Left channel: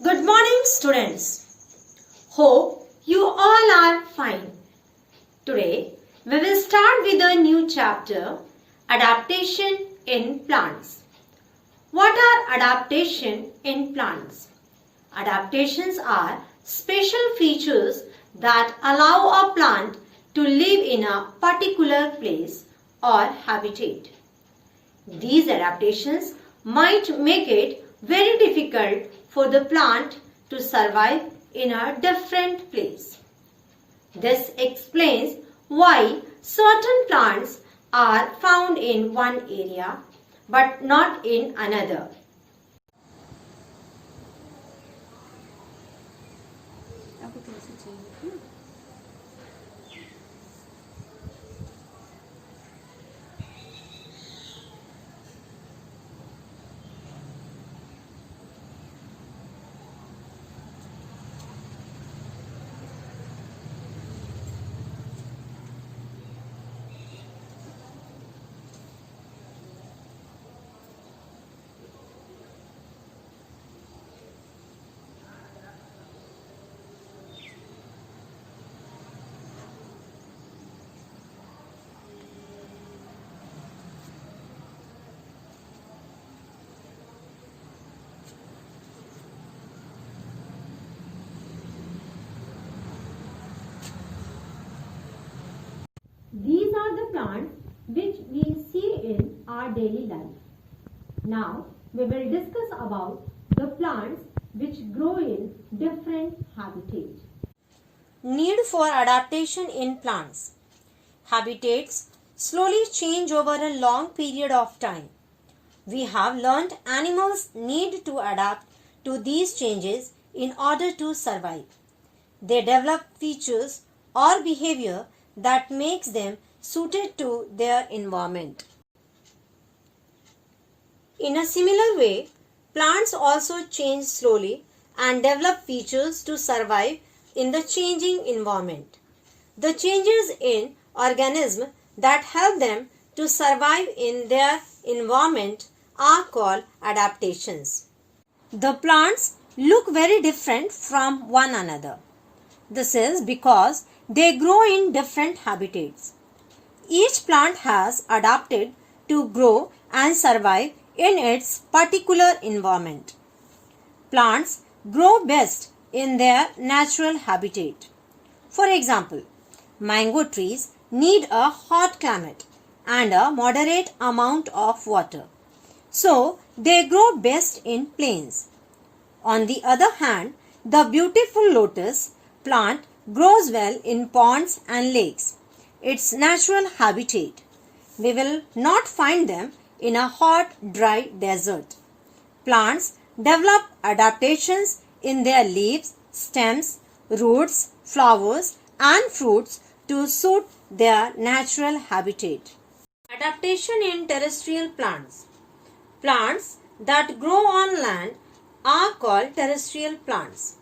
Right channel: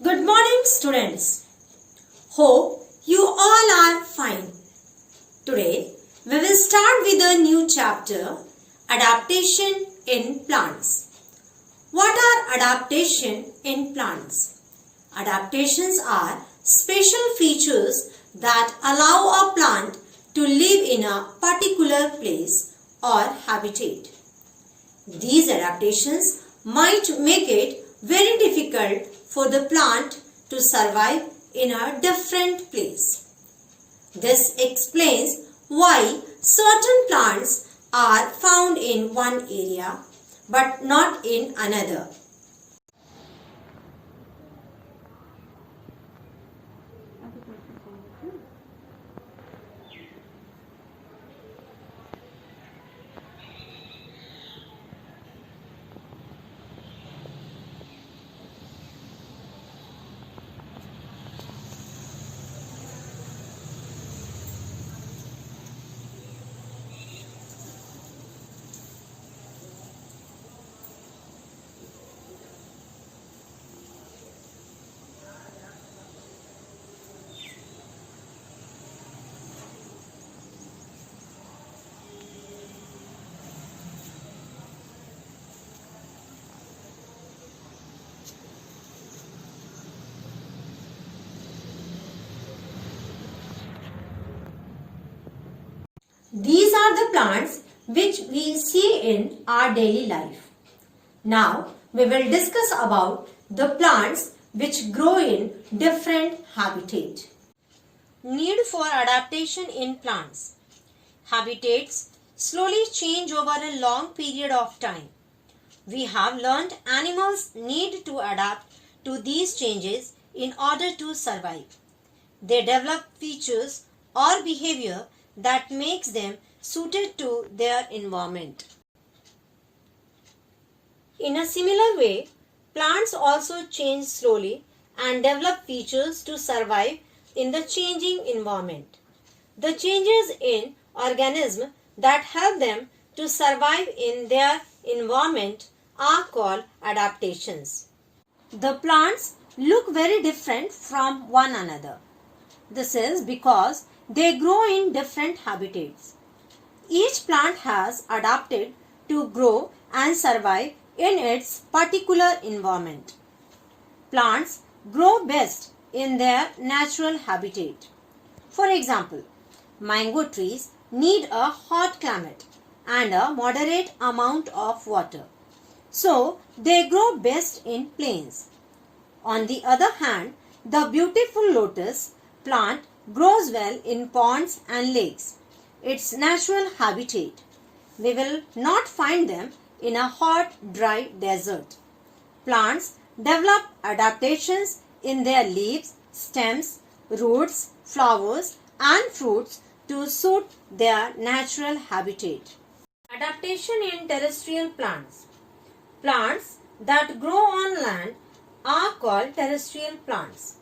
Good morning, students. Hope you all are fine. Today we will start with a new chapter, Adaptation in Plants. What are adaptation in plants? Adaptations are special features that allow a plant to live in a particular place or habitat. These adaptations might make it very difficult for the plant to survive in a different place. This explains why certain plants are found in one area but not in another. These are the plants which we see in our daily life. Now we will discuss about the plants which grow in different habitat. Need for adaptation in plants. Habitats slowly change over a long period of time. We have learned animals need to adapt to these changes in order to survive. They develop features or behavior that makes them suited to their environment. In a similar way, plants also change slowly and develop features to survive in the changing environment. The changes in organisms that help them to survive in their environment are called adaptations. The plants look very different from one another. This is because they grow in different habitats. Each plant has adapted to grow and survive in its particular environment. Plants grow best in their natural habitat. For example, mango trees need a hot climate and a moderate amount of water. So, they grow best in plains. On the other hand, the beautiful lotus plant grows well in ponds and lakes, its natural habitat. We will not find them in a hot, dry desert. Plants develop adaptations in their leaves, stems, roots, flowers, and fruits to suit their natural habitat. Adaptation in terrestrial plants. Plants that grow on land are called terrestrial plants.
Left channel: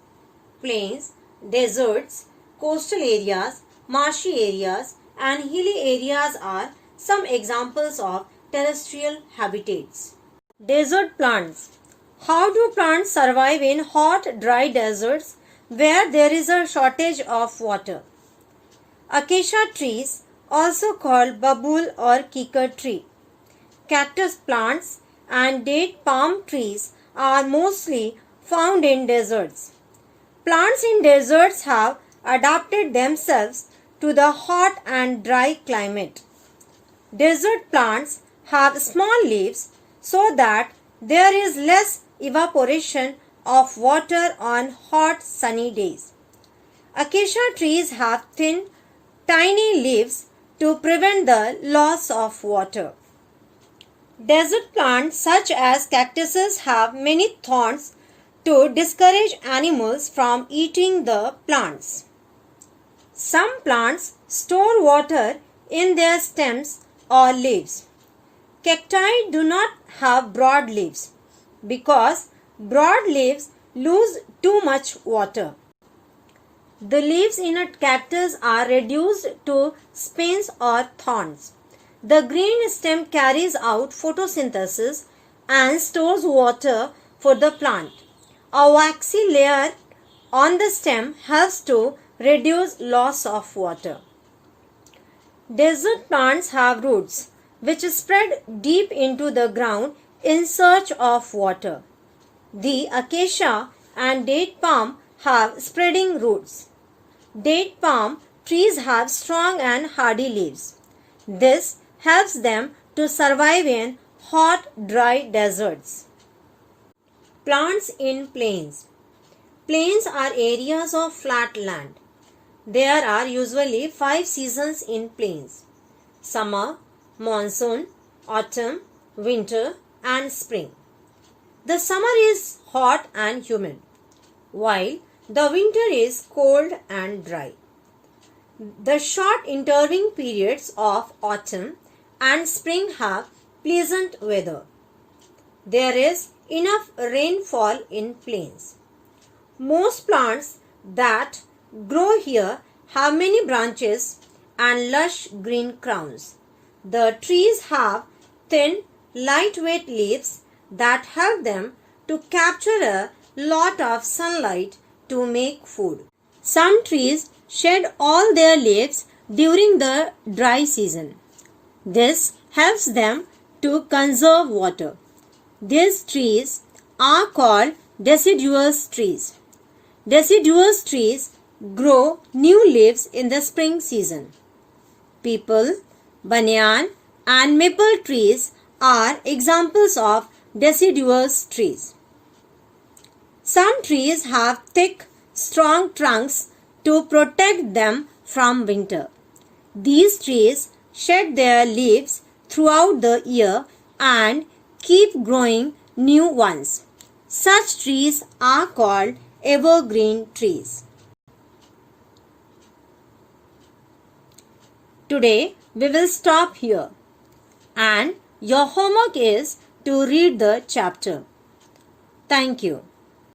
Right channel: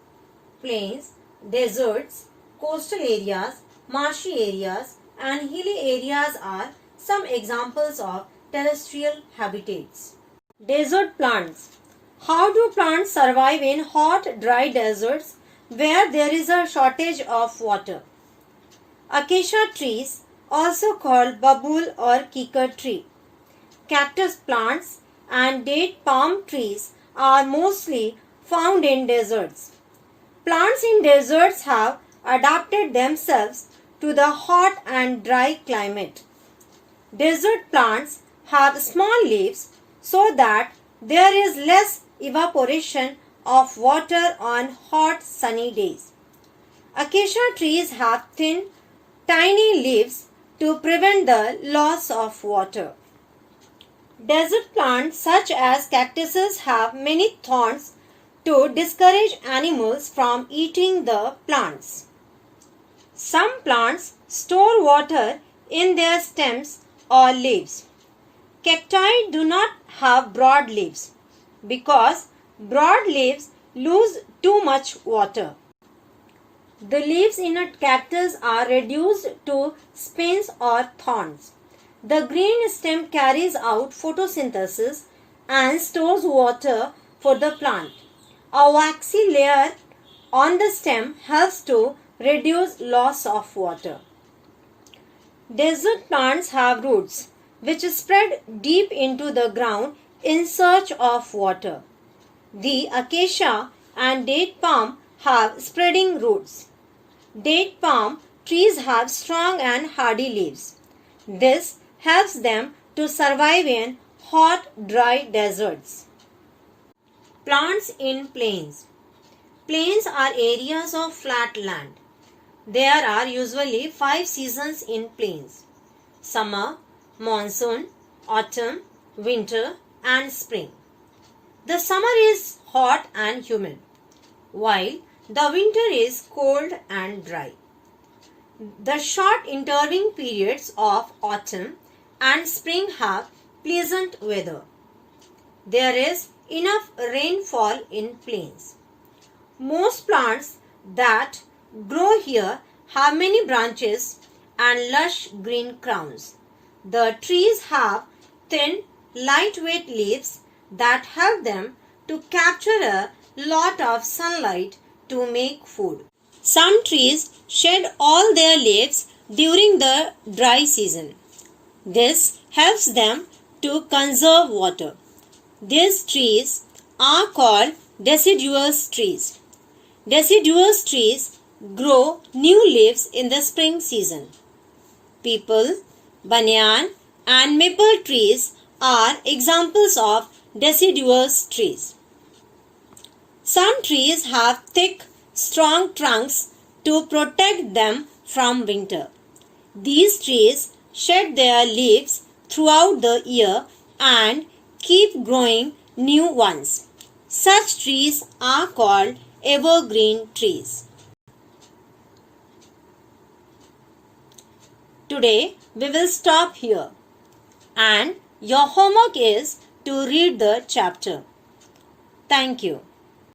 Plains, deserts, coastal areas, marshy areas, and hilly areas are some examples of terrestrial habitats. Desert plants. How do plants survive in hot, dry deserts where there is a shortage of water? Acacia trees, also called babul or kikar tree, cactus plants, and date palm trees are mostly found in deserts. Plants in deserts have adapted themselves to the hot and dry climate. Desert plants have small leaves so that there is less evaporation of water on hot sunny days. Acacia trees have thin, tiny leaves to prevent the loss of water. Desert plants such as cactuses have many thorns to discourage animals from eating the plants. Some plants store water in their stems or leaves. Cacti do not have broad leaves because broad leaves lose too much water. The leaves in a cactus are reduced to spines or thorns. The green stem carries out photosynthesis and stores water for the plant. A waxy layer on the stem helps to reduce loss of water. Desert plants have roots which spread deep into the ground in search of water. The acacia and date palm have spreading roots. Date palm trees have strong and hardy leaves. This helps them to survive in hot, dry deserts. Plants in plains. Plains are areas of flat land. There are usually 5 seasons in plains: summer, monsoon, autumn, winter, and spring. The summer is hot and humid, while the winter is cold and dry. The short intervening periods of autumn and spring have pleasant weather. There is enough rainfall in plains. Most plants that grow here have many branches and lush green crowns. The trees have thin, lightweight leaves that help them to capture a lot of sunlight to make food. Some trees shed all their leaves during the dry season. This helps them to conserve water. These trees are called deciduous trees. Deciduous trees grow new leaves in the spring season. Peepal, banyan, and maple trees are examples of deciduous trees. Some trees have thick, strong trunks to protect them from winter. These trees shed their leaves throughout the year and keep growing new ones. Such trees are called evergreen trees. Today we will stop here, and your homework is to read the chapter. Thank you.